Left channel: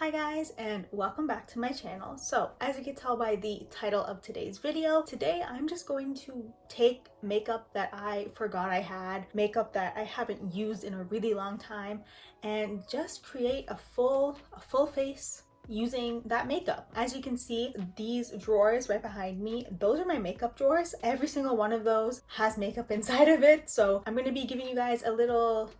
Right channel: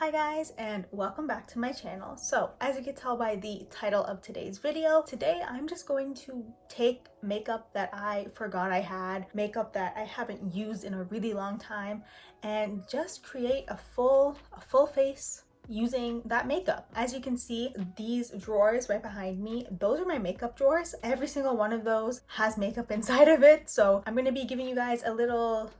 Hi guys, and welcome back to my channel. So as you can tell by the title of today's video, today I'm just going to take makeup that I forgot I had, makeup that I haven't used in a really long time, and just create a full face using that makeup. As you can see, these drawers right behind me, those are my makeup drawers. Every single one of those has makeup inside of it. So I'm going to be giving you guys a little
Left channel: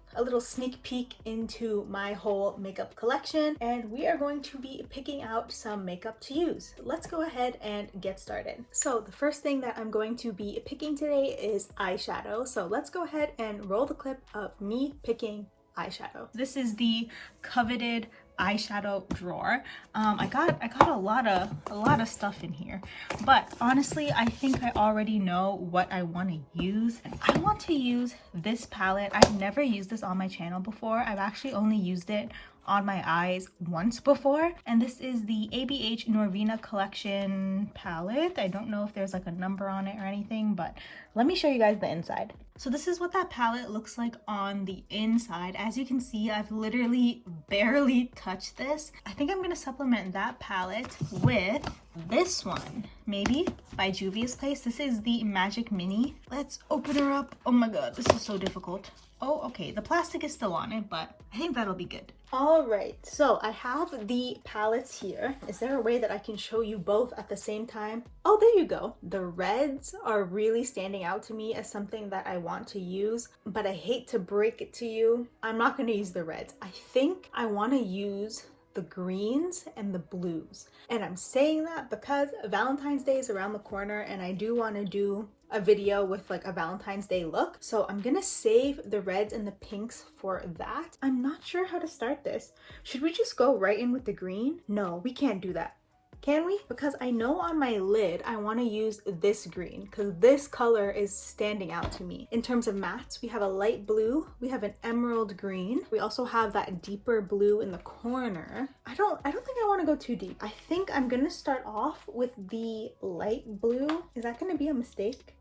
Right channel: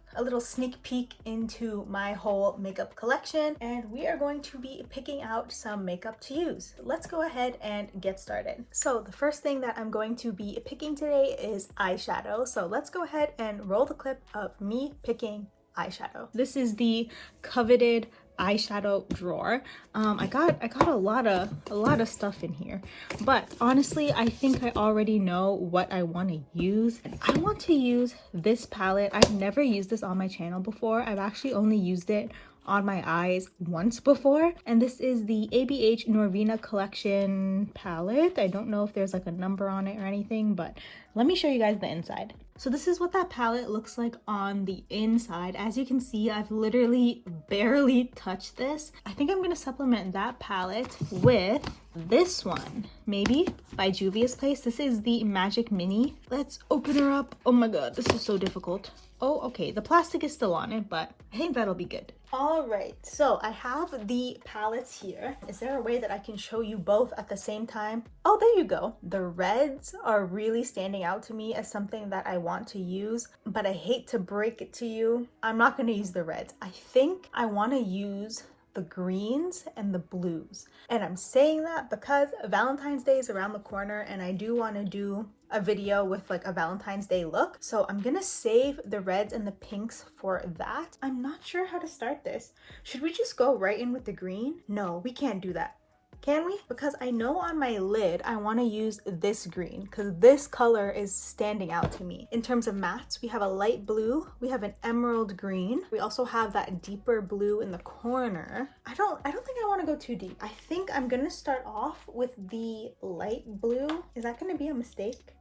sneak peek into my whole makeup collection, and we are going to be picking out some makeup to use. Let's go ahead and get started. So the first thing that I'm going to be picking today is eyeshadow. So let's go ahead and roll the clip of me picking eyeshadow. This is the coveted eyeshadow drawer. I got a lot of stuff in here, but honestly I think I already know what I want to use. I want to use this palette. I've never used this on my channel before. I've actually only used it on my eyes once before, and this is the ABH Norvina collection palette. I don't know if there's like a number on it or anything, but let me show you guys the inside. So this is what that palette looks like on the inside. As you can see, I've literally barely touched this. I think I'm gonna supplement that palette with this one, maybe by Juvia's Place. This is the Magic Mini. Let's open her up. Oh my god, this is so difficult. Oh, okay, the plastic is still on it, but I think that'll be good. All right, so I have the palettes here. Is there a way that I can show you both at the same time? Oh, there you go. The reds are really standing out to me as something that I want to use, but I hate to break it to you. I'm not gonna use the reds. I think I wanna use the greens and the blues. And I'm saying that because Valentine's Day is around the corner and I do want to do a video with like a Valentine's Day look. So I'm gonna save the reds and the pinks for that. I'm not sure how to start this. Should we just go right in with the green? No, we can't do that. Can we? Because I know on my lid I want to use this green because this color is standing out to me. In terms of mattes, we have a light blue, we have an emerald green, we also have that deeper blue in the corner. I don't think I want to go too deep. I think I'm gonna start off with the light blue. Is that gonna be a mistake?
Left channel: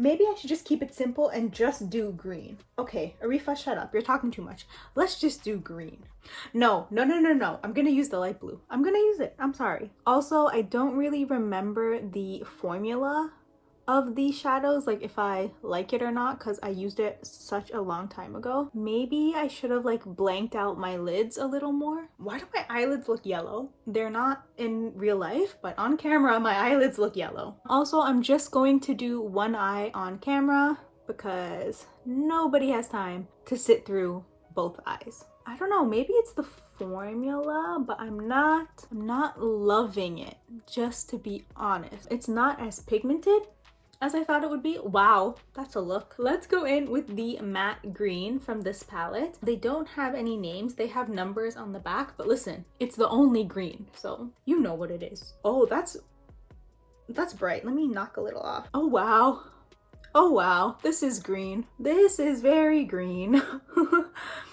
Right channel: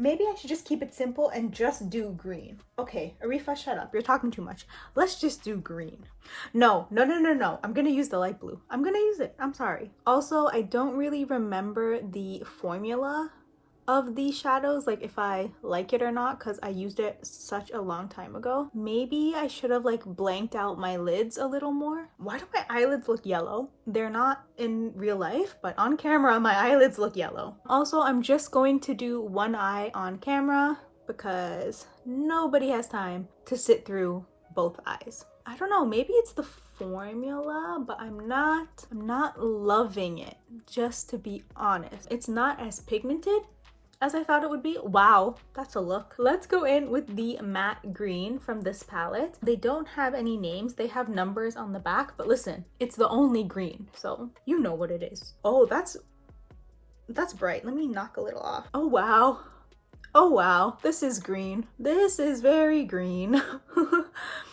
Maybe I should just keep it simple and just do green. Okay, Arifah, shut up. You're talking too much. Let's just do green. No. I'm gonna use the light blue. I'm gonna use it. I'm sorry. Also, I don't really remember the formula of these shadows, like if I like it or not, because I used it such a long time ago. Maybe I should have like blanked out my lids a little more. Why do my eyelids look yellow? They're not in real life, but on camera my eyelids look yellow. Also, I'm just going to do one eye on camera because nobody has time to sit through both eyes. I don't know, maybe it's the formula, but I'm not loving it, just to be honest. It's not as pigmented as I thought it would be. Wow, that's a look. Let's go in with the matte green from this palette. They don't have any names, they have numbers on the back, but listen, it's the only green, so you know what it is. Oh, that's bright. Let me knock a little off. Oh wow. Oh wow, this is green. This is very green.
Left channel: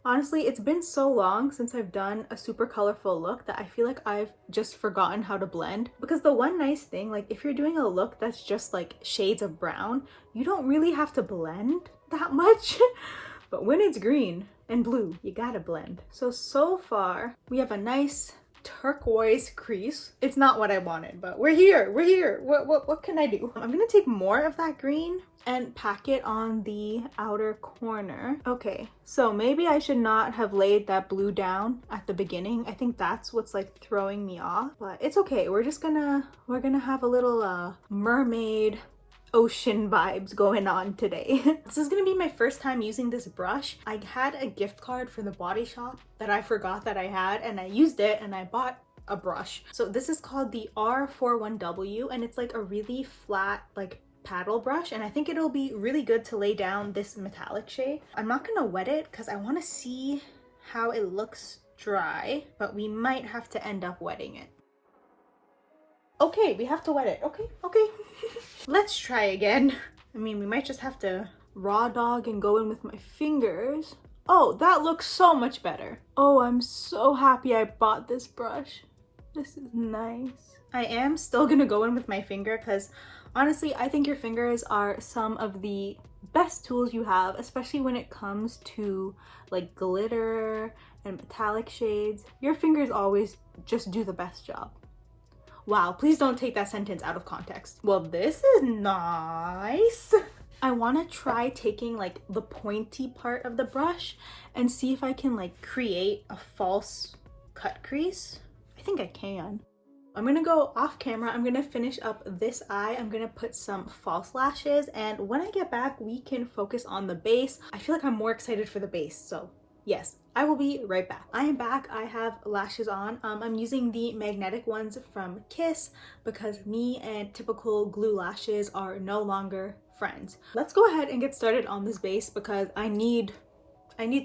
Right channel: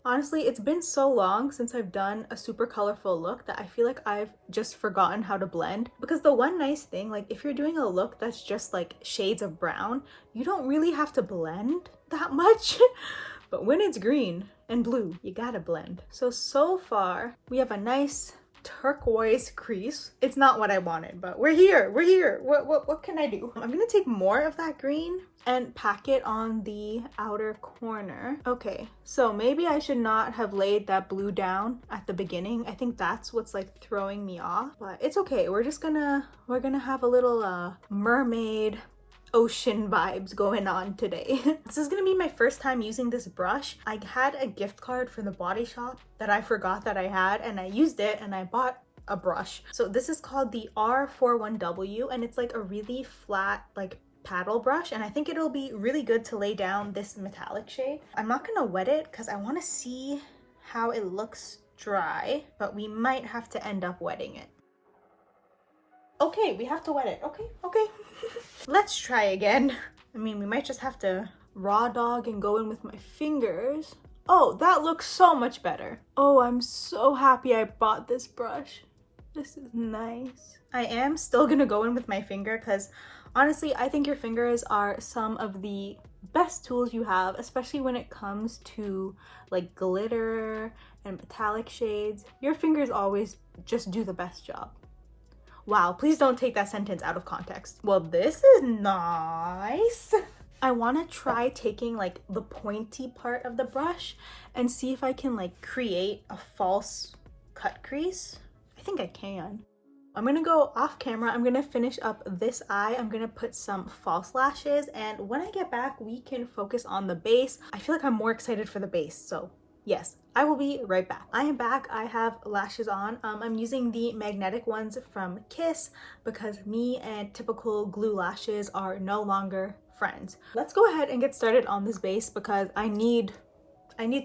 Honestly, it's been so long since I've done a super colorful look that I feel like I've just forgotten how to blend. Because the one nice thing, like if you're doing a look that's just like shades of brown, you don't really have to blend that much. But when it's green and blue, you gotta blend. So far, we have a nice turquoise crease. It's not what I wanted, but we're here. What can I do? I'm gonna take more of that green and pack it on the outer corner. Okay, so maybe I should not have laid that blue down at the beginning. I think that's what's like throwing me off, but it's okay. We're gonna have a little mermaid ocean vibes going on today. This is gonna be my first time using this brush. I had a gift card for the Body Shop that I forgot that I had, and I used it and I bought a brush. So this is called the R41W, and it's like a really flat like paddle brush, and I think it'll be really good to lay down this metallic shade. I'm not gonna wet it because I want to see how it looks dry, but we might have to end up wetting it. Okay, we have to wet it. Okay. Let's try again. I mean, we might just have to raw dog and go in with my fingers. Oh, that looks so much better. Oh, I'm so happy I bought this brush. This is nice. I am still gonna go in with my finger because honestly, I think your fingers are some of the best tools you have, especially when it comes to like glitter and metallic shades. Your fingers always just do the best job. Wow, please don't take that sentence out of context. Well, this is nice. I want to try taking like the pointy part of the brush and see if I can like create a false cut crease. I think I can. I'm gonna go off camera. I'm gonna finish up this eye. I'm gonna put some false lashes, and when I get back, we can focus on the base. I feel like I'm more excited for the base, so yes, I will be right back. I am back. I have lashes on. I'm using the magnetic ones from Kiss because me and typical glue lashes are no longer friends. Let's go ahead and get started on this base because I need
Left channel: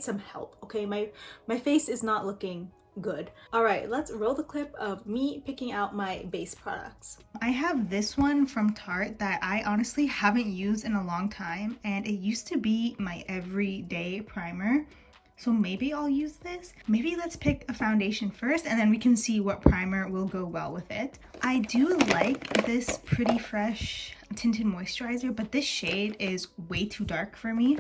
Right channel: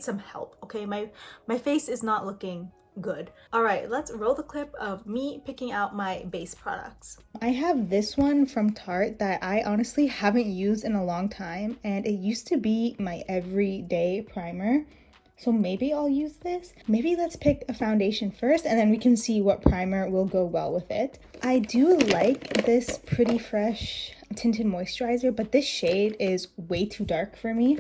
some help, okay? My face is not looking good. All right, let's roll the clip of me picking out my base products. I have this one from Tarte that I honestly haven't used in a long time, and it used to be my everyday primer. So maybe I'll use this. Maybe let's pick a foundation first and then we can see what primer will go well with it. I do like this Pretty Fresh tinted moisturizer, but this shade is way too dark for me.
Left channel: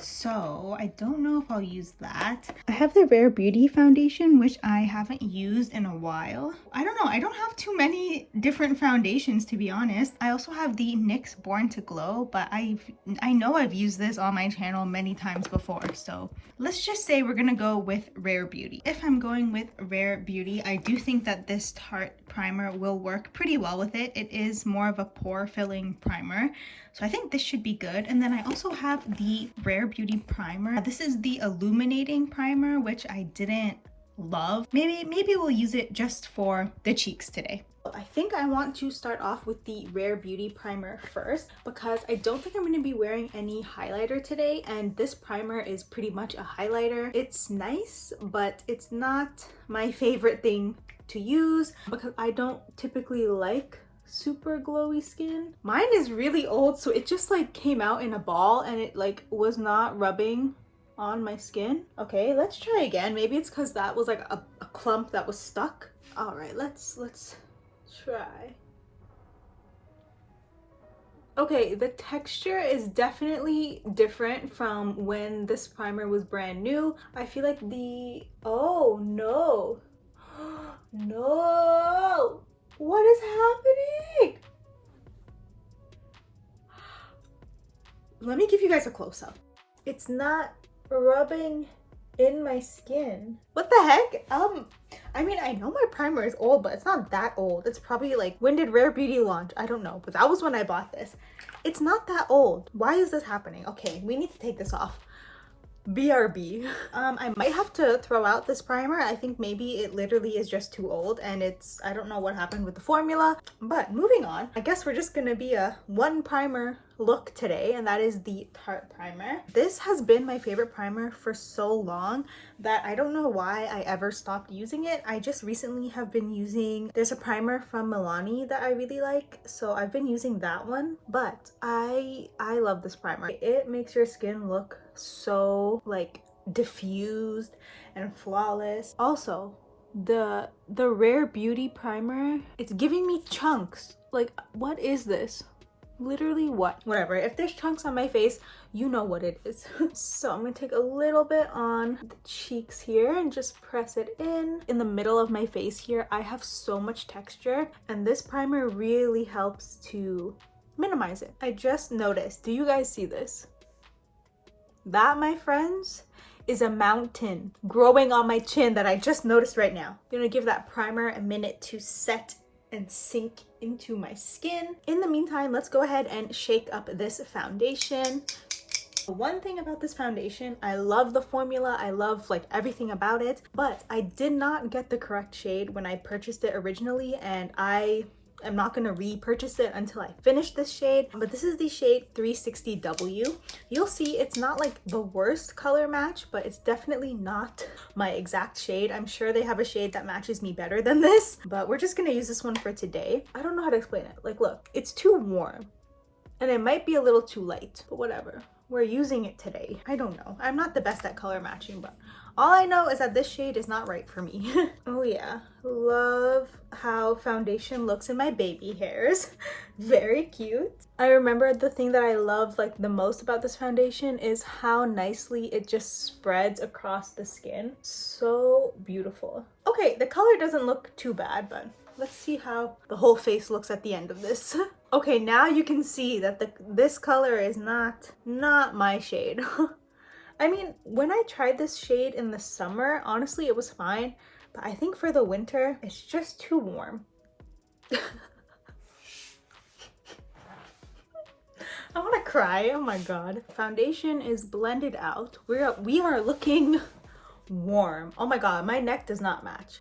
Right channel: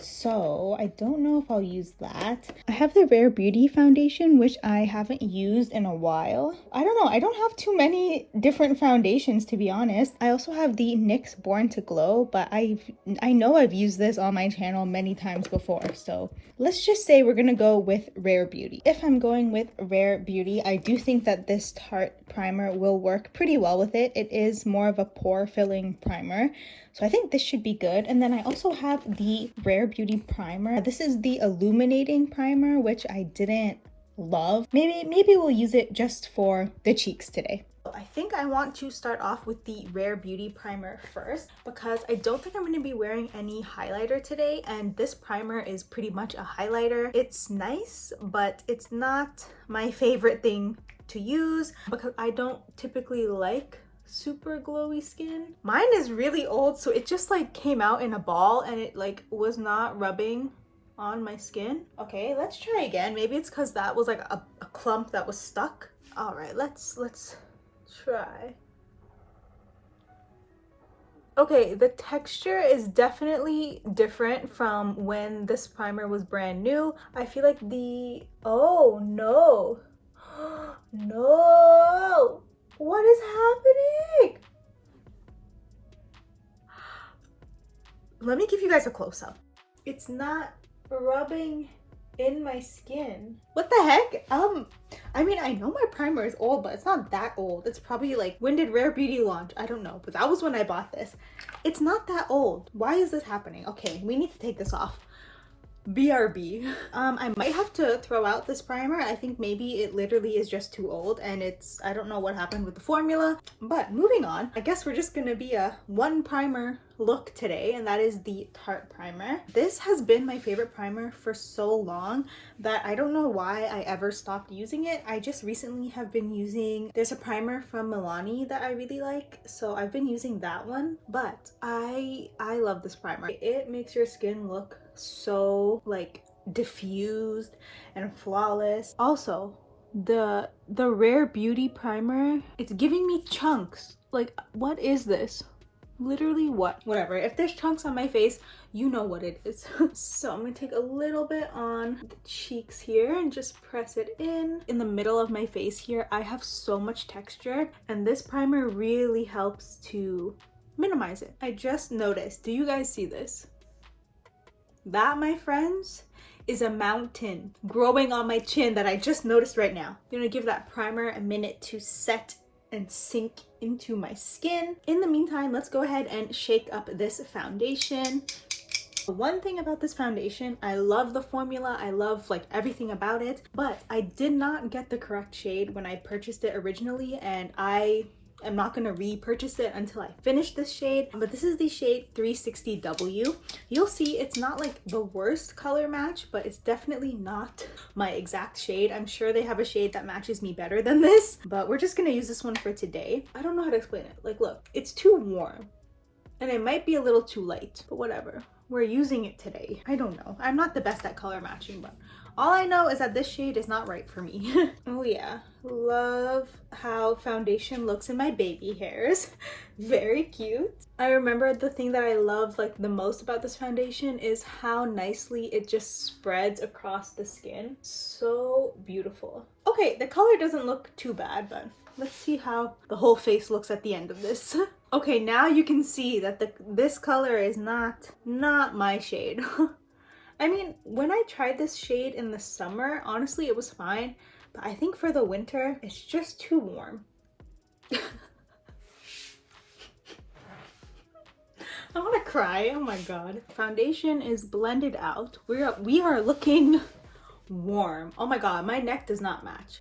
So I don't know if I'll use that. I have the Rare Beauty foundation, which I haven't used in a while. I don't know, I don't have too many different foundations, to be honest. I also have the NYX Born to Glow, but I know I've used this on my channel many times before. So let's just say we're gonna go with Rare Beauty. If I'm going with Rare Beauty, I do think that this Tarte primer will work pretty well with it. It is more of a pore filling primer. So I think this should be good. And then I also have the Rare Beauty primer. This is the illuminating primer, which I didn't love. Maybe we'll use it just for the cheeks today. I think I want to start off with the Rare Beauty primer first because I don't think I'm going to be wearing any highlighter today, and this primer is pretty much a highlighter. It's nice, but it's not my favorite thing to use because I don't typically like super glowy skin. Mine is really old, so it just like came out in a ball and it like was not rubbing on my skin. Okay, let's try again. Maybe it's because that was like a clump that was stuck. All right, let's try. Okay, the texture is definitely different from when this primer was brand new. I feel like oh no. No! What is happening? Let me give you guys a close-up. It's not rubbing in my skin. What the heck? I mean, I know my primer is old, but it's not that old. It's probably like, when did Rare Beauty launch? I don't know, but that was when I bought this. It's not that old. Why is this happening? Okay, we need to take this off. BRB. I might have to throw out this primer. I think maybe it literally is just too old and I don't know what happened with the formula. But moving on, I guess we're just gonna be a one primer look today, and that is the Tarte primer. This has been my favorite primer for so long that I don't know why I ever stopped using it. I just recently have been using, there's a primer from Milani that I really like, so I've been using that one. But I love this primer. It makes your skin look so like diffused and flawless. Also, the Rare Beauty primer, it's giving me chunks. Like, what is this? Literally what? Whatever. If there's chunks on my face, you know what it is. So I'm gonna take a little bit on the cheeks here and just press it in the middle of my face here. I have so much texture, and this primer really helps to minimize it. I just noticed, do you guys see this? That, my friends, is a mountain growing on my chin that I just noticed right now. I'm gonna give that primer a minute to set and sink into my skin. In the meantime, let's go ahead and shake up this foundation. One thing about this foundation, I love the formula, I love like everything about it, but I did not get the correct shade when I purchased it originally, and I am not going to repurchase it until I finish this shade. But this is the shade 360W. You'll see it's not like the worst color match, but it's definitely not my exact shade. I'm sure they have a shade that matches me better than this, but we're just going to use this one for today. I don't know how to explain it. Like, look, it's too warm and it might be a little too light, but whatever. We're using it today. I don't know. I'm not the best at color matching, but All I know is that this shade is not right for me. Oh yeah, love how foundation looks in my baby hairs. Very cute. I remember the thing that I love like the most about this foundation is how nicely it just spreads across the skin. So beautiful. Okay, the color doesn't look too bad, but let's see how the whole face looks at the end of this. Okay, now you can see that this color is not my shade. I mean, when I tried this shade in the summer, honestly, it was fine. But I think for the winter, it's just too warm. I want to cry. Oh my god. Foundation is blended out. We are looking warm. Oh my god, my neck does not match.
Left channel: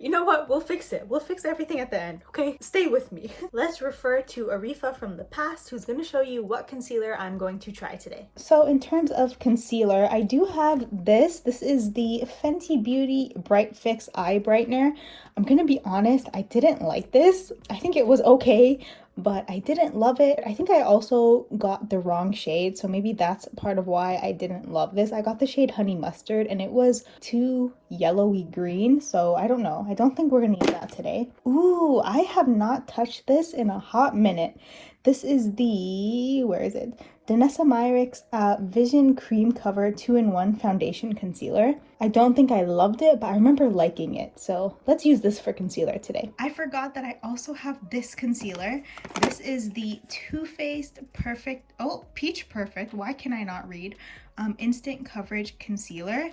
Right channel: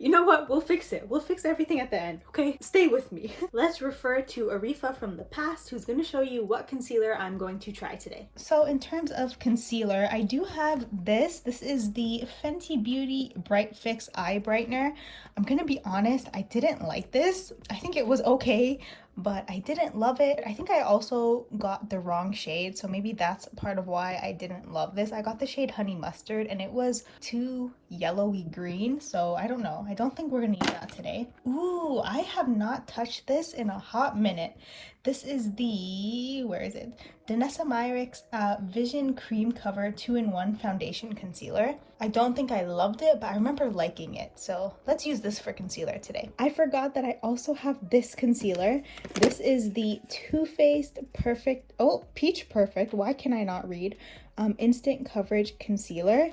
You know what? We'll fix it. We'll fix everything at the end, okay? Stay with me. Let's refer to Arifah from the past, who's going to show you what concealer I'm going to try today. So in terms of concealer, I do have this. This is the Fenty Beauty Bright Fix Eye Brightener. I'm going to be honest, I didn't like this. I think it was okay, but I didn't love it. I think I also got the wrong shade, so maybe that's part of why I didn't love this. I got the shade Honey Mustard and it was too yellowy green, so I don't know. I don't think we're gonna use that today. Ooh, I have not touched this in a hot minute. This is the, where is it? Danessa Myricks Vision Cream Cover 2-in-1 Foundation Concealer. I don't think I loved it, but I remember liking it. So let's use this for concealer today. I forgot that I also have this concealer. This is the Too Faced Peach Perfect. Why can I not read? Instant Coverage Concealer.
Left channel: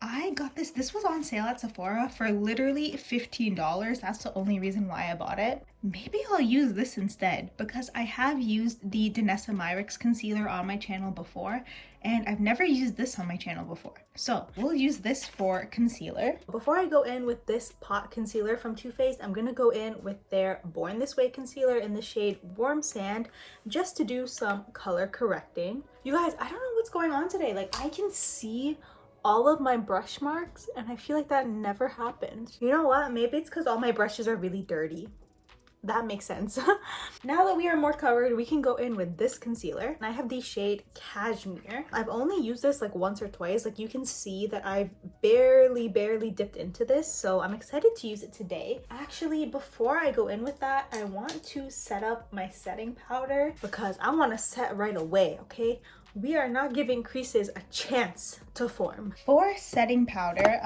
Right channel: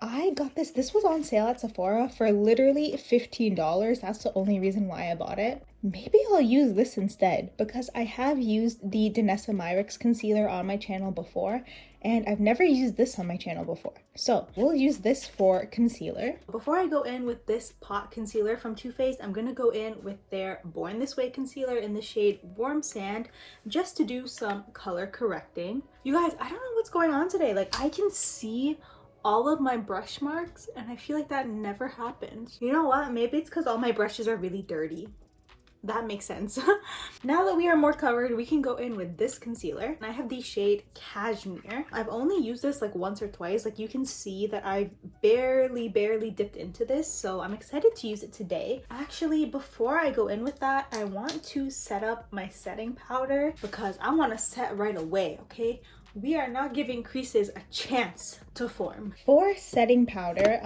I got this. This was on sale at Sephora for literally $15. That's the only reason why I bought it. Maybe I'll use this instead because I have used the Danessa Myricks concealer on my channel before and I've never used this on my channel before. So we'll use this for concealer. Before I go in with this pot concealer from Too Faced, I'm gonna go in with their Born This Way concealer in the shade Warm Sand just to do some color correcting. You guys, I don't know what's going on today. Like I can see all of my brush marks and I feel like that never happens. You know what? Maybe it's because all my brushes are really dirty. That makes sense. Now that we are more covered, we can go in with this concealer. I have the shade Cashmere. I've only used this like once or twice. Like you can see that I've barely dipped into this. So I'm excited to use it today. Actually, before I go in with that, I want to set up my setting powder because I want to set right away, okay? We are not giving creases a chance to form. For setting powder,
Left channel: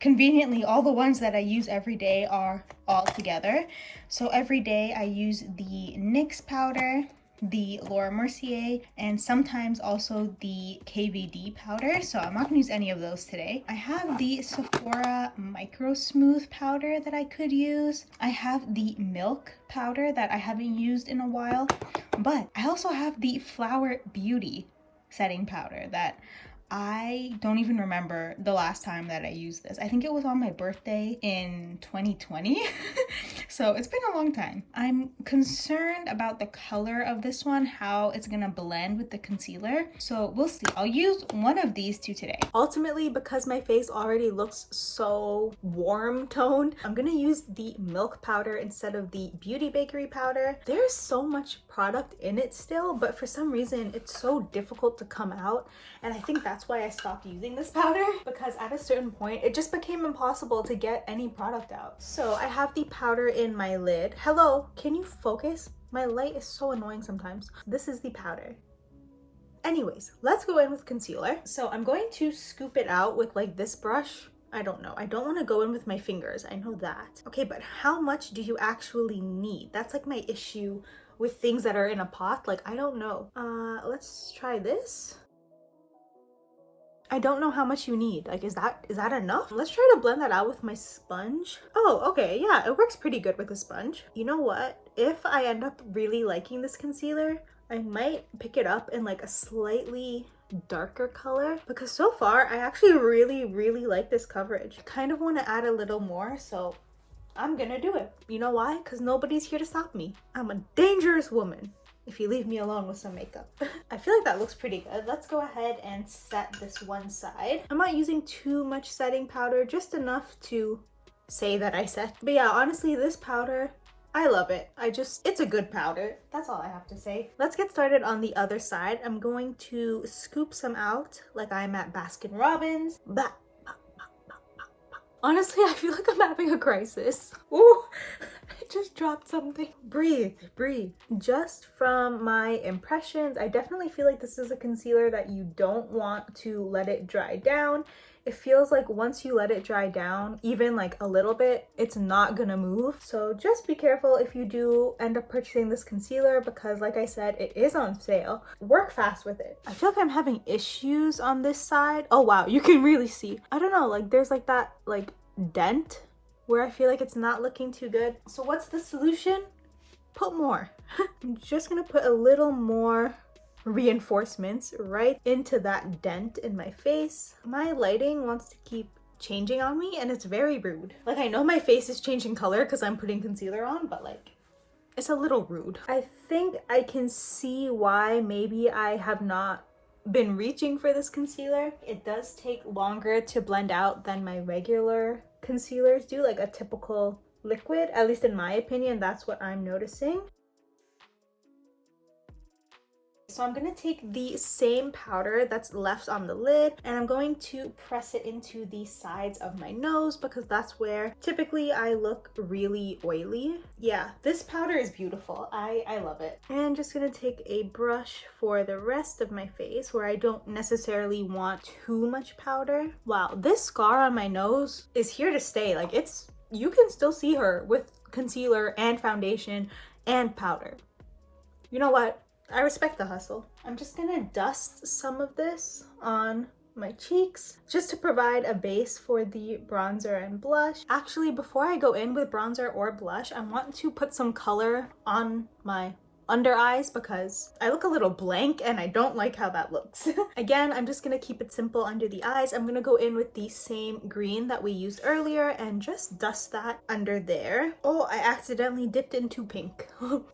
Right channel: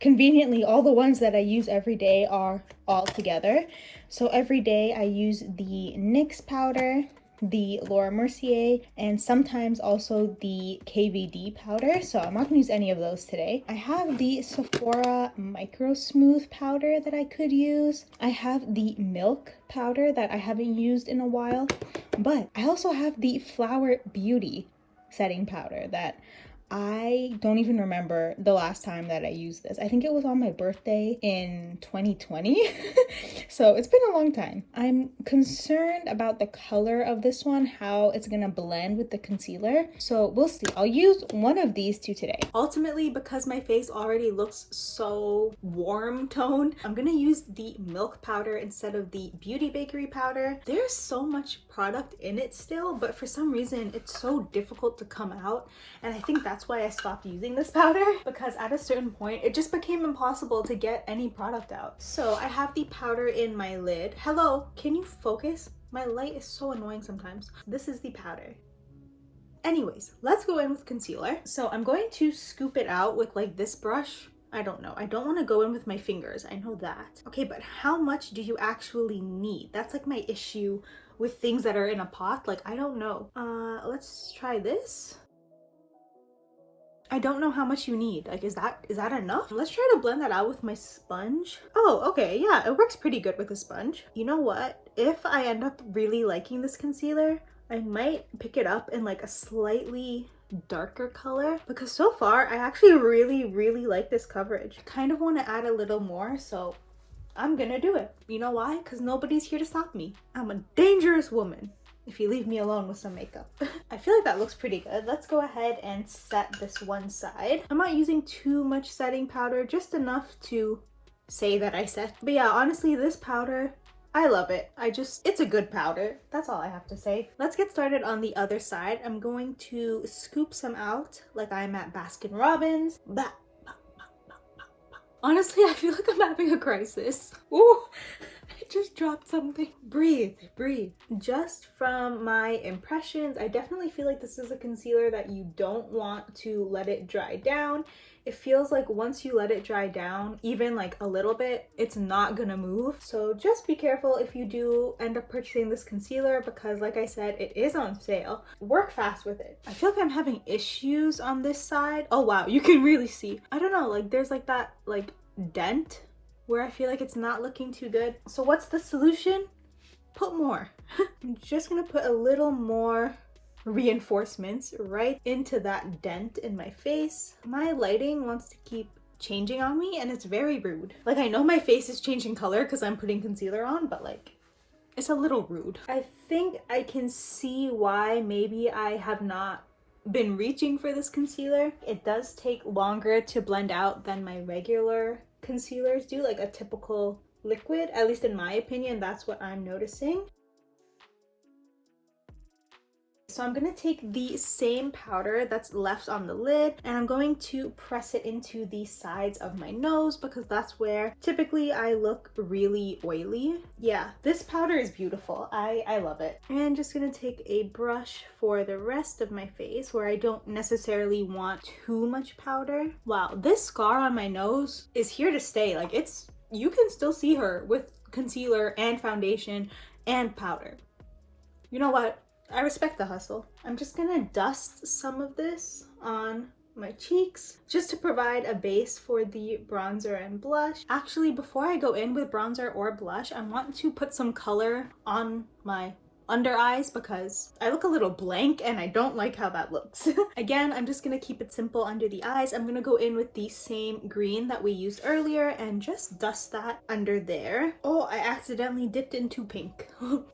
conveniently, all the ones that I use every day are all together. So every day I use the NYX powder, the Laura Mercier, and sometimes also the KVD powder. So I'm not gonna use any of those today. I have the Sephora Micro Smooth powder that I could use. I have the Milk powder that I haven't used in a while, but I also have the Flower Beauty setting powder that I don't even remember the last time that I used this. I think it was on my birthday in 2020. So it's been a long time. I'm concerned about the color of this one, how it's gonna blend with the concealer. So we'll see. I'll use one of these two today. Ultimately, because my face already looks so warm toned, I'm gonna use the Milk powder instead of the Beauty Bakery powder. There's so much product in it still, but for some reason it's so difficult to come out. And I think that's why I stopped using this powder, because at a certain point it just became impossible to get any product out. So I have the powder in my lid. Hello, can you focus? My light is so annoying sometimes. This is the powder. Anyways, let's go in with concealer. So I'm going to scoop it out with like this brush. I don't know. I don't want to go in with my fingers. I know that. Okay, but how much do you actually need? That's like my issue with things that are in a pot. Like, I don't know. Let's try this. I don't know how much you need. Like, is that enough? Let's try to blend that out with my sponge. Oh, okay. Yeah, it works pretty good with a sponge. You know what? If I end up really liking this concealer, I might pick it up in like a slightly darker color, because so far I actually really like this coverage. I kind of want to add a little more, so I'm gonna do it. You know why? Because nobody's here to stop me. I'm a dangerous woman if you leave me alone with some makeup. I feel like that looks pretty good. Let's go ahead and set this one side. I'm not using too much setting powder, just enough to say that I set. But yeah, honestly, this powder, I love it. It's a good powder. That's all I have to say. Let's get started on the other side. I'm going to scoop some out like I'm at Baskin Robbins. But Honestly, I feel like I'm having a crisis. Ooh, I just dropped something. Breathe, breathe. Just from my impressions, I definitely feel like this is a concealer that you don't want to let it dry down. It feels like once you let it dry down, even like a little bit, it's not gonna move. So just be careful if you do end up purchasing this concealer, because like I said, it is on sale. Work fast with it. I feel like I'm having issues on this side. Oh wow, you can really see. I don't know, like there's like that like dent where I feel like it's not looking too good. So what's the solution? Put more. I'm just gonna put a little more reinforcements right into that dent in my face. My lighting wants to keep changing on me and it's very rude. Like I know my face is changing color because I'm putting concealer on, but like it's a little rude. I think I can see why maybe I have not been reaching for this concealer. It does take longer to blend out than my regular concealers do, like a typical liquid. At least in my opinion, that's what I'm noticing. So I'm gonna take the same powder that's left on the lid and I'm going to press it into the sides of my nose because that's where typically I look really oily. Yeah, this powder is beautiful. I love it. And just gonna take a brush for the rest of my face where I don't necessarily want too much powder. Wow, this scar on my nose is here to stay. Like you can still see her with concealer and foundation and powder. You know what? I respect the hustle. I'm just gonna dust some of this on my cheeks just to provide a base for the bronzer and blush. Actually, before I go in with bronzer or blush, I want to put some color on my under eyes because I look a little blank and I don't like how that looks. Again, I'm just gonna keep it simple under the eyes. I'm gonna go in with the same green that we used earlier and just dust that under there. Oh, I accidentally dipped into pink.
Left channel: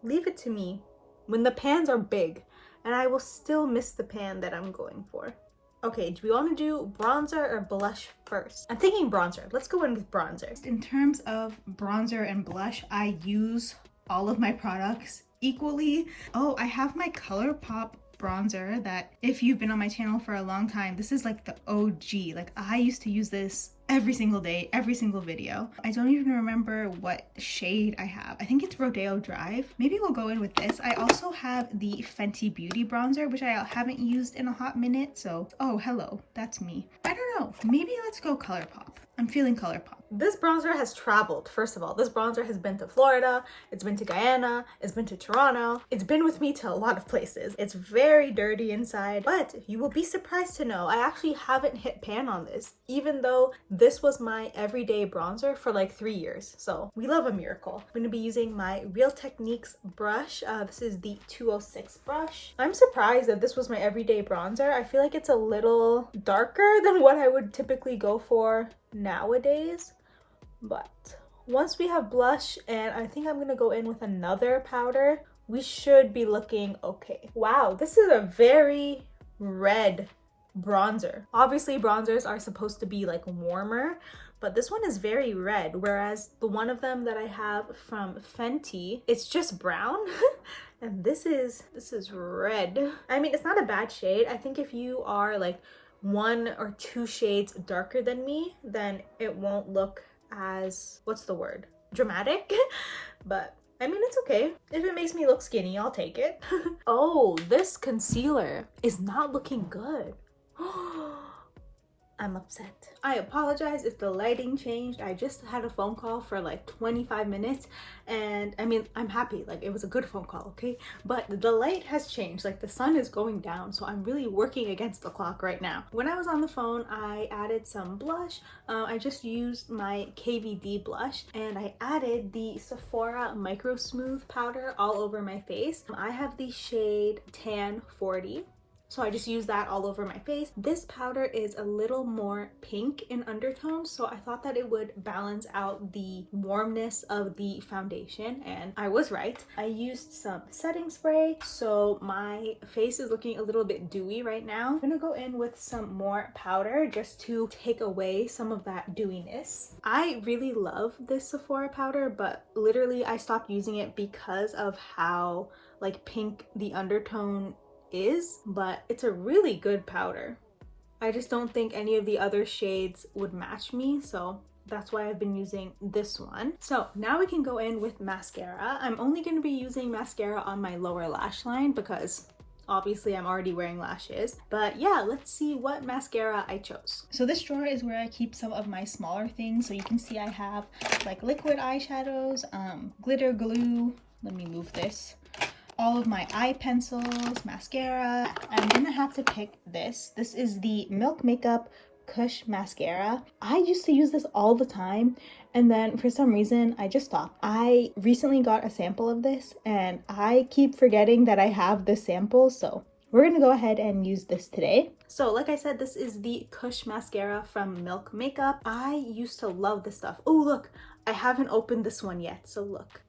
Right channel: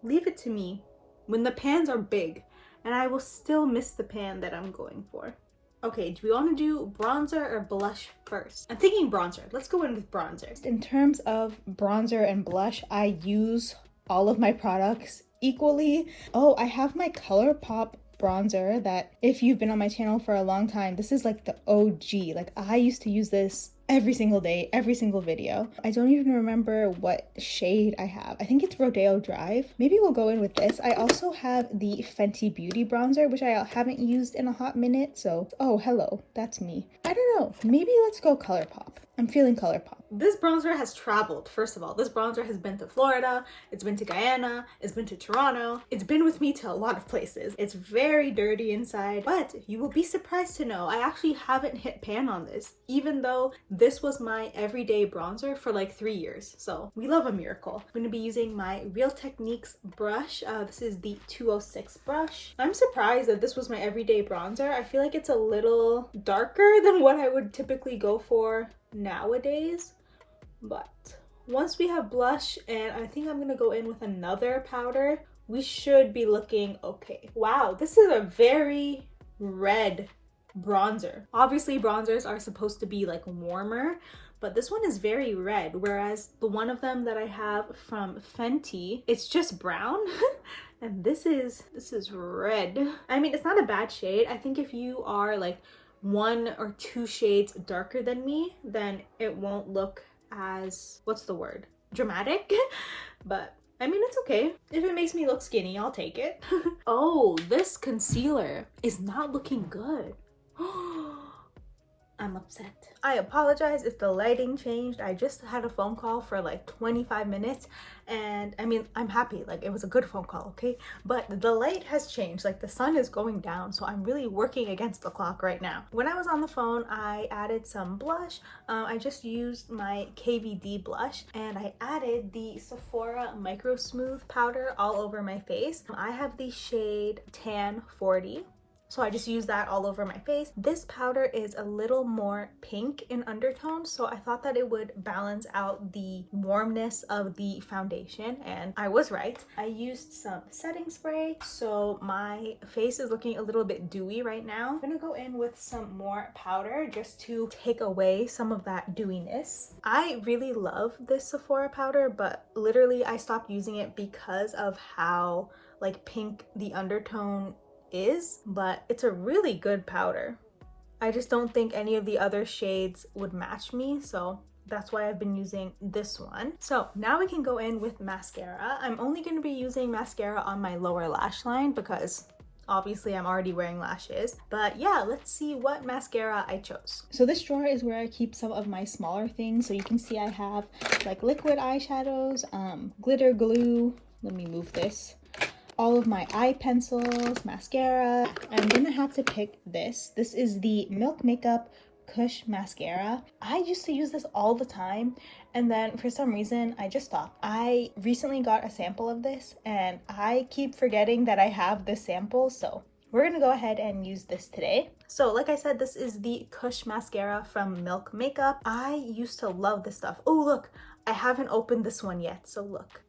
Leave it to me when the pans are big, and I will still miss the pan that I'm going for. Okay, do we want to do bronzer or blush first? I'm thinking bronzer. Let's go in with bronzer. In terms of bronzer and blush, I use all of my products equally. Oh, I have my ColourPop bronzer that if you've been on my channel for a long time, this is like the OG. Like I used to use this every single day, every single video. I don't even remember what shade I have. I think it's Rodeo Drive. Maybe we'll go in with this. I also have the Fenty Beauty bronzer, which I haven't used in a hot minute. So, oh, hello, that's me. I don't know. Maybe let's go ColourPop. I'm feeling ColourPop. This bronzer has traveled. First of all, this bronzer has been to Florida, it's been to Guyana, it's been to Toronto. It's been with me to a lot of places. It's very dirty inside, but you will be surprised to know I actually haven't hit pan on this, even though this was my everyday bronzer for like 3 years. So we love a miracle. I'm gonna be using my Real Techniques brush. This is the 206 brush. I'm surprised that this was my everyday bronzer. I feel like it's a little darker than what I would typically go for nowadays. But once we have blush, and I think I'm gonna go in with another powder, we should be looking okay. Wow, this is a very red bronzer. Obviously bronzers are supposed to be like warmer, but this one is very red, whereas the one of them that I have from Fenty, it's just brown. And this is red. I mean, it's not a bad shade. I think if you are like 1 or 2 shades darker than me, then it won't look as, what's the word, dramatic. But I mean, it's okay. If it makes me look skinny, I'll take it. Oh, this concealer is not looking good. I'm upset. I apologize if the lighting changed. I just had a phone call for like 25 minutes and I mean, I'm happy, like it was a good phone call, okay? But the light has changed, like the sun is going down, so I'm really working against the clock right now. When I was on the phone, I added some blush. I just used my KVD blush and I added the Sephora Micro Smooth powder all over my face. I have the shade Tan 40. So I just use that all over my face. This powder is a little more pink in undertone, so I thought that it would balance out the warmness of the foundation, and I was right. I used some setting spray, so my face is looking a little bit dewy right now. I'm gonna go in with some more powder just to take away some of that dewiness. I really love this Sephora powder, but literally I stopped using it because of how like pink the undertone is, but it's a really good powder. I just don't think any of the other shades would match me, so that's why I've been using this one. So now we can go in with mascara. I'm only going to be using mascara on my lower lash line because obviously I'm already wearing lashes. But yeah, let's see what mascara I chose. So this drawer is where I keep some of my smaller things. So you can see I have like liquid eyeshadows, glitter glue. Let me move this. All of my eye pencils, mascara. I'm gonna have to pick this. This is the Milk Makeup Kush Mascara. I used to use this all the time, and then for some reason I just stopped. I recently got a sample of this and I keep forgetting that I have this sample, so we're gonna go ahead and use this today. So like I said, this is the Kush Mascara from Milk Makeup. I used to love this stuff. Oh look, I haven't opened this one yet, so look.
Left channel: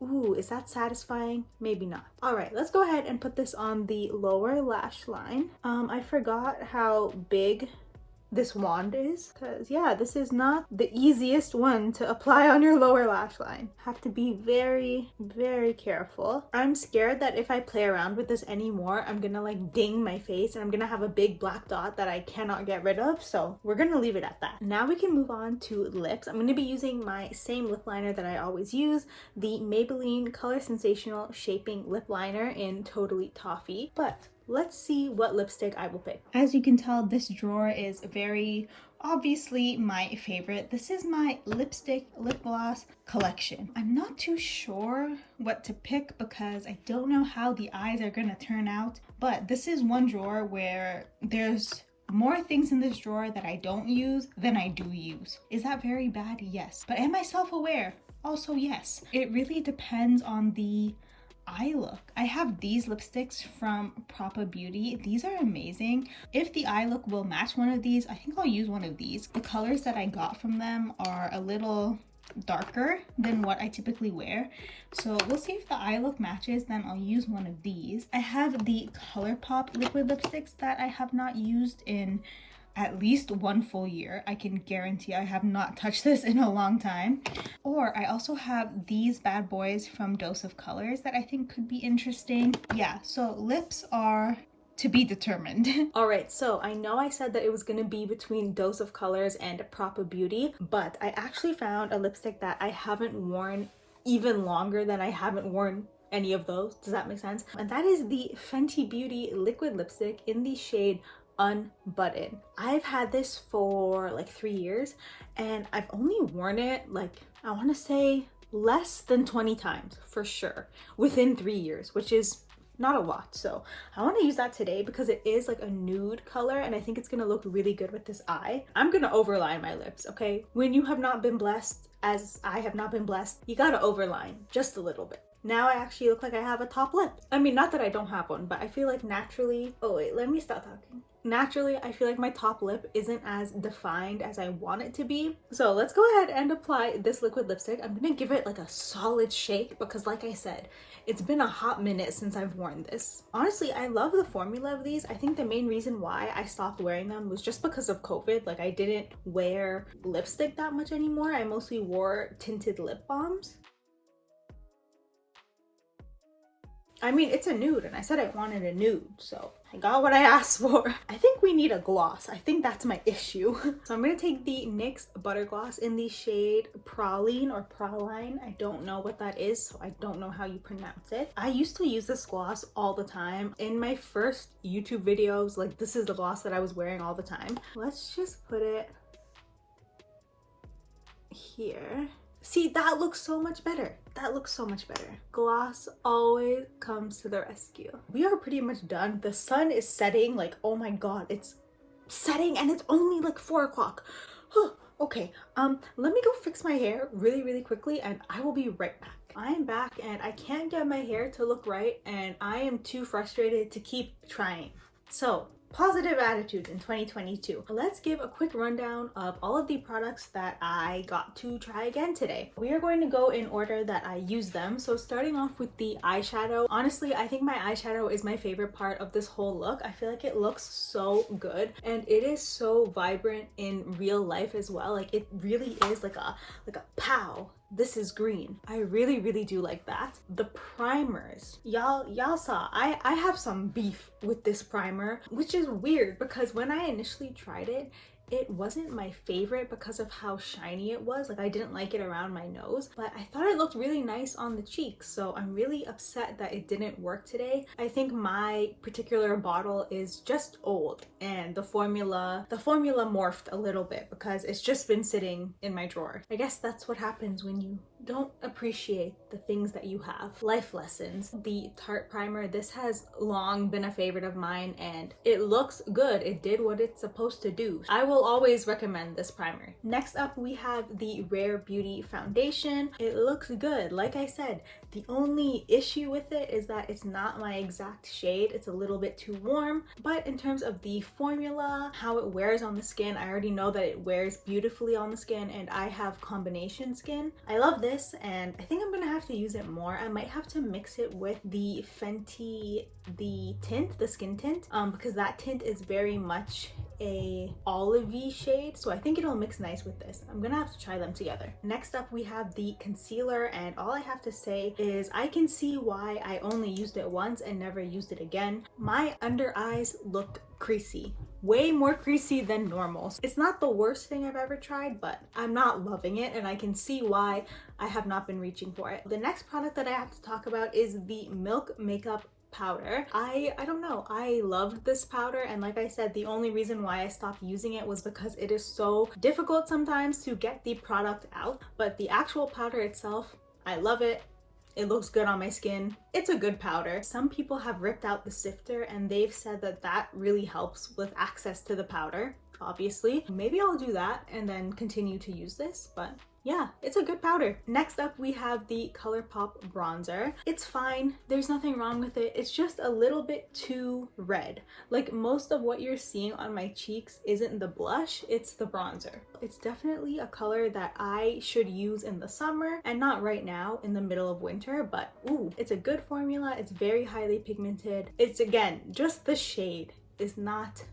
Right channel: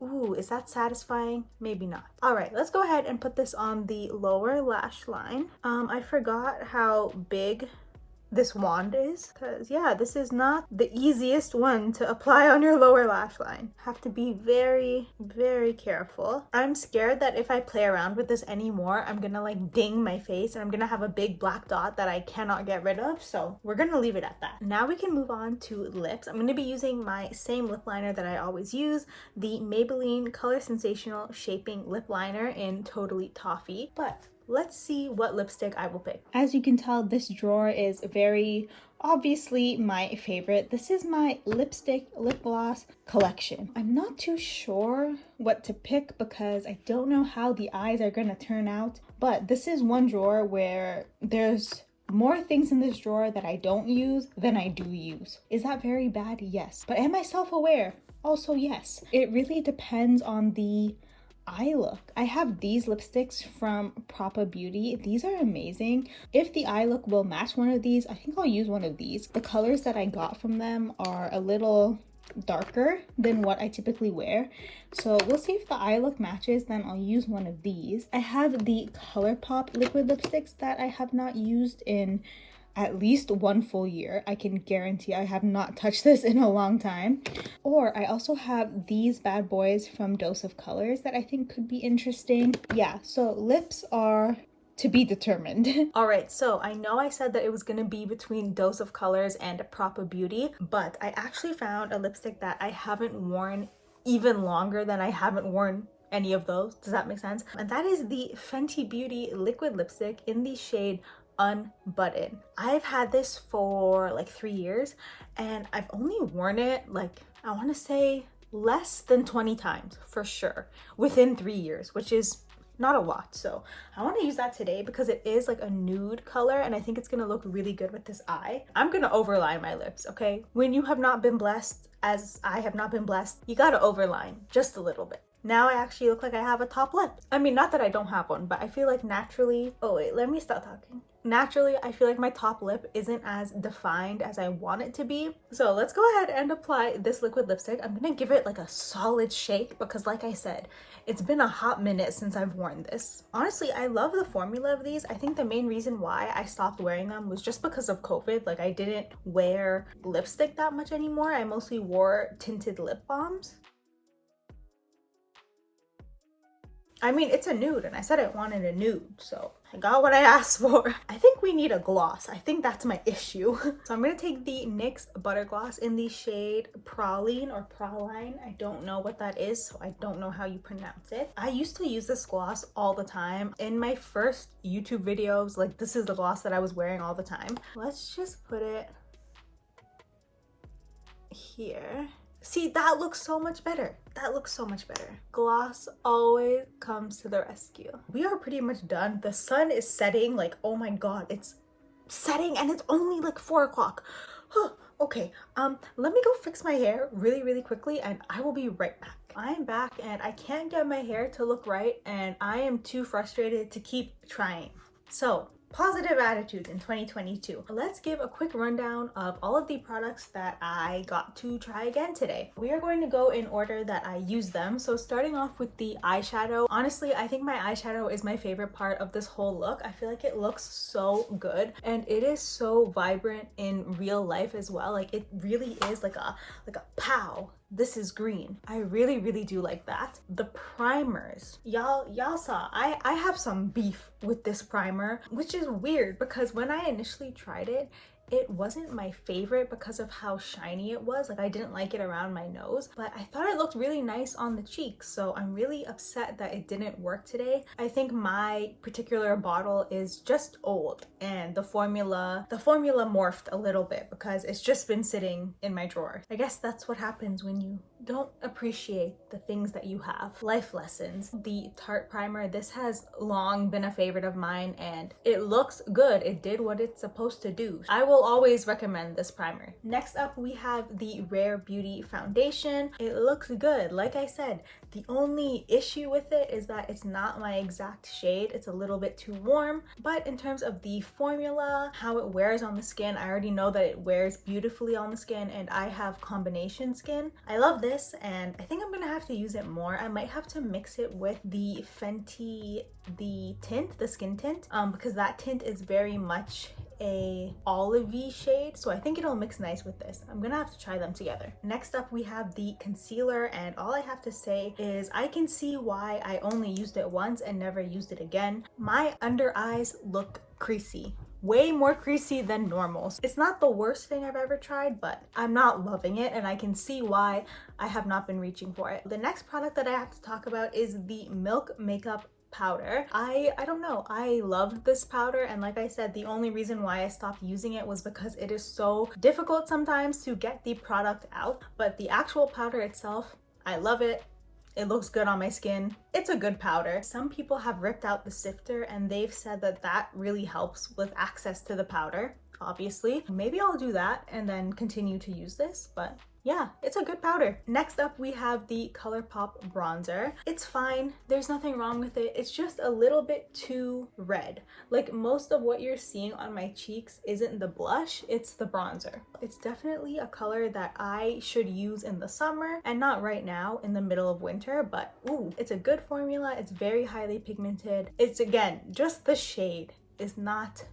Ooh, is that satisfying? Maybe not. All right, let's go ahead and put this on the lower lash line. I forgot how big this wand is, because yeah, this is not the easiest one to apply on your lower lash line. Have to be very, very careful. I'm scared that if I play around with this anymore, I'm gonna like ding my face and I'm gonna have a big black dot that I cannot get rid of, so we're gonna leave it at that. Now we can move on to lips. I'm gonna be using my same lip liner that I always use, the Maybelline Color Sensational Shaping Lip Liner in Totally Toffee, but let's see what lipstick I will pick. As you can tell, this drawer is very obviously my favorite. This is my lipstick lip gloss collection. I'm not too sure what to pick because I don't know how the eyes are gonna turn out, but this is one drawer where there's more things in this drawer that I don't use than I do use. Is that very bad? Yes. But am I self-aware? Also yes. It really depends on the eye look. I have these lipsticks from Propa Beauty. These are amazing. If the eye look will match one of these, I think I'll use one of these. The colors that I got from them are a little darker than what I typically wear, so we'll see if the eye look matches, then I'll use one of these. I have the ColourPop liquid lipsticks that I have not used in at least 1 full year. I can guarantee I have not touched this in a long time. Or I also have these bad boys from Dose of Colors that I think could be interesting. Yeah, so lips are to be determined. All right, so I know I said that it was gonna be between Dose of Colors and Propa Beauty, but I actually found a lipstick that I haven't worn even longer than I haven't worn any of those. Does that make sense? And that is the Fenty Beauty liquid lipstick in the shade Unbutton. I've had this for like 3 years and I've only worn it like, I want to say less than 20 times for sure within 3 years, which is not a lot. So I want to use that today because it is like a nude color and I think it's gonna look really good with this eye. I'm gonna overline my lips, okay? When you have not been blessed as I have not been blessed, you gotta overline just a little bit. Now I actually look like I have a top lip. I mean, not that I don't have one, but I feel like naturally, oh wait, let me stop talking. Naturally, I feel like my top lip isn't as defined as I want it to be. So let's go ahead and apply this liquid lipstick. I'm gonna give it like a solid shake because like I said, it's been a hot minute since I've worn this. Honestly, I love the formula of these. I think the main reason why I stopped wearing them was just because of COVID. Like I didn't wear lipstick that much anymore. I mostly wore tinted lip balms. I mean, it's a nude and I said I wanted a nude, so I got what I asked for. I think we need a gloss. I think that's my issue. So I'm gonna take the NYX Butter Gloss in the shade Praline or Praline. I don't know what that is, so I don't know how you pronounce it. I used to use this gloss all the time. In my first YouTube videos, like this is the gloss that I was wearing all the time. Let's just put it here. See, that looks so much better. That looks so much better. Gloss always comes to the rescue. We are pretty much done. The sun is setting, like, oh my god, it's setting and it's only like 4 o'clock. Okay, let me go fix my hair really quickly and I will be right back. I am back and I can't get my hair to look right and I am too frustrated to keep trying. So, positive attitudes in 2022. Let's give a quick rundown of all of the products that I got to try again today. We are going to go in order that I use them. So starting off with the eyeshadow. Honestly, I think my eyeshadow is my favorite part of this whole look. I feel like it looks so good and it is so vibrant in real life as well. Like it really is like a pow. This is green. I really do like that. The primers. Y'all saw I have some beef with this primer, which is weird because when I initially tried it, it wasn't my favorite because of how shiny it was. Like, I didn't like it around my nose, but I thought it looked really nice on the cheeks. So I'm really upset that it didn't work today. I think my particular bottle is just old and the formula morphed a little bit because it's just been sitting in my drawer. I guess that's what happens when you don't appreciate the things that you have. Life lessons. The Tarte primer, this has long been a favorite of mine and it looks good. It did what it's supposed to do. I will always recommend this primer. Next up, we have the Rare Beauty foundation. It looks good. Like I said, the only issue with it is that it's not my exact shade. It's a little bit too warm, but in terms of the formula, how it wears on the skin, I already know that it wears beautifully on the skin and I have combination skin. I love this and I think I'm gonna have to use it more. I might have to mix it with the Fenty, the skin tint, because that tint is very much a olivey shade, so I think it'll mix nice with this. I'm gonna have to try them together. Next up, we have the concealer, and all I have to say is I can see why I only used it once and never used it again. My under eyes look creasy, way more creasy than normal. It's not the worst thing I've ever tried, but I'm not loving it and I can see why I have not been reaching for it. The next product that I have to talk about is the Milk Makeup powder. I don't know, I loved this powder, and like I said, the only reason why I stopped using it was because it is so difficult sometimes to get the product out, but the actual powder itself, I love it. It looks good on my skin. It's a good powder. Some people have ripped out the sifter and they've said that that really helps with access to the powder, obviously. Maybe I'll do that and then continue to use this, but yeah, it's a good powder. Next up, we have the ColourPop bronzer. It's fine. There's nothing wrong with it. It's just a little bit too red. Like, most of what you're seeing on my cheeks isn't the blush, it's the bronzer. It's definitely a color that I should use in the summer and not right now in the middle of winter, but ooh, it's a good formula. It's very highly pigmented. It's, again, just the shade is not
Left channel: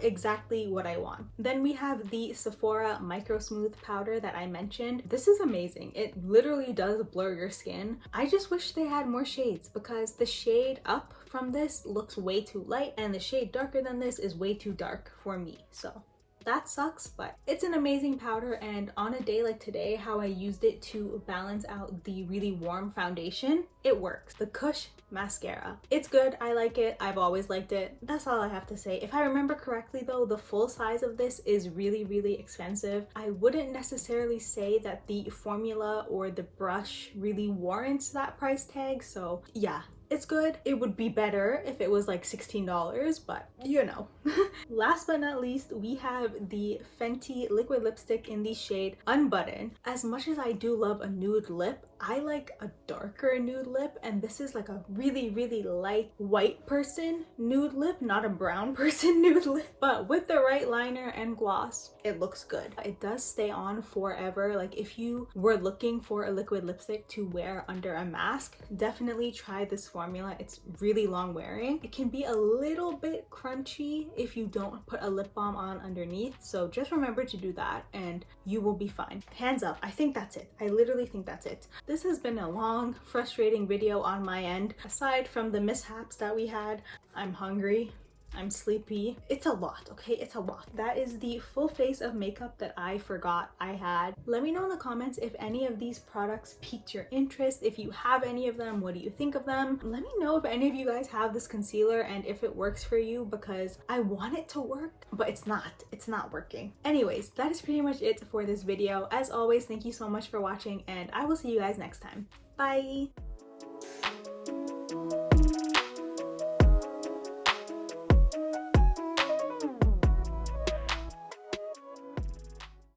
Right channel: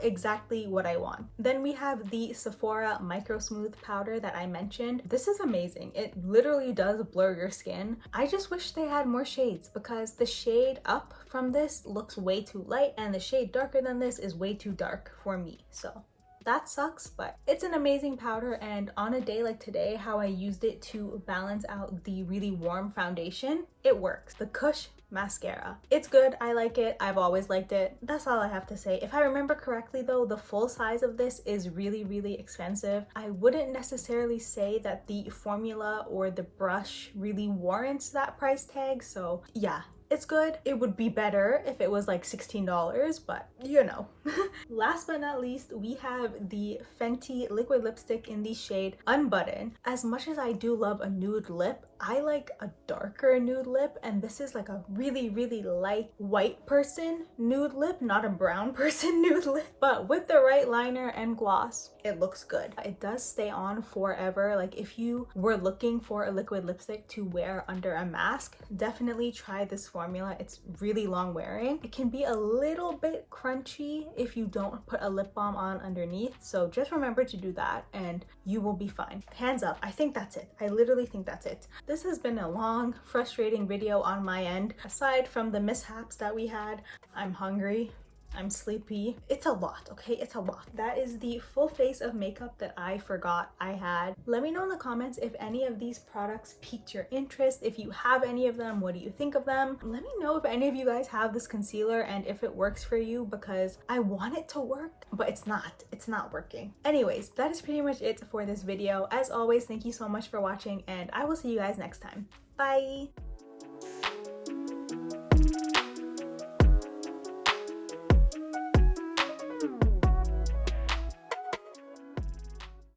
exactly what I want. Then we have the Sephora Micro Smooth powder that I mentioned. This is amazing. It literally does blur your skin. I just wish they had more shades because the shade up from this looks way too light and the shade darker than this is way too dark for me. So that sucks, but it's an amazing powder, and on a day like today, how I used it to balance out the really warm foundation, it works. The Kush mascara. It's good. I like it. I've always liked it. That's all I have to say. If I remember correctly though, the full size of this is really, really expensive. I wouldn't necessarily say that the formula or the brush really warrants that price tag, so yeah. It's good. It would be better if it was like $16, but you know. Last but not least, we have the Fenty liquid lipstick in the shade Unbutton. As much as I do love a nude lip, I like a darker nude lip, and this is like a really, really light white person nude lip, not a brown person nude lip. But with the right liner and gloss, it looks good. It does stay on forever. Like, if you were looking for a liquid lipstick to wear under a mask, definitely try this formula. It's really long wearing. It can be a little bit crunchy if you don't put a lip balm on underneath, so just remember to do that and you will be fine. Hands up, I think that's it. I literally think that's it. This has been a long, frustrating video on my end. Aside from the mishaps that we had, I'm hungry. I'm sleepy. It's a lot, okay? It's a lot. That is the full face of makeup that I forgot I had. Let me know in the comments if any of these products piqued your interest. If you have any of them, what do you think of them? Let me know if any of you guys have this concealer and if it works for you, because I want it to work, but it's not working. Anyways, that is pretty much it for this video. As always, thank you so much for watching and I will see you guys next time. Bye!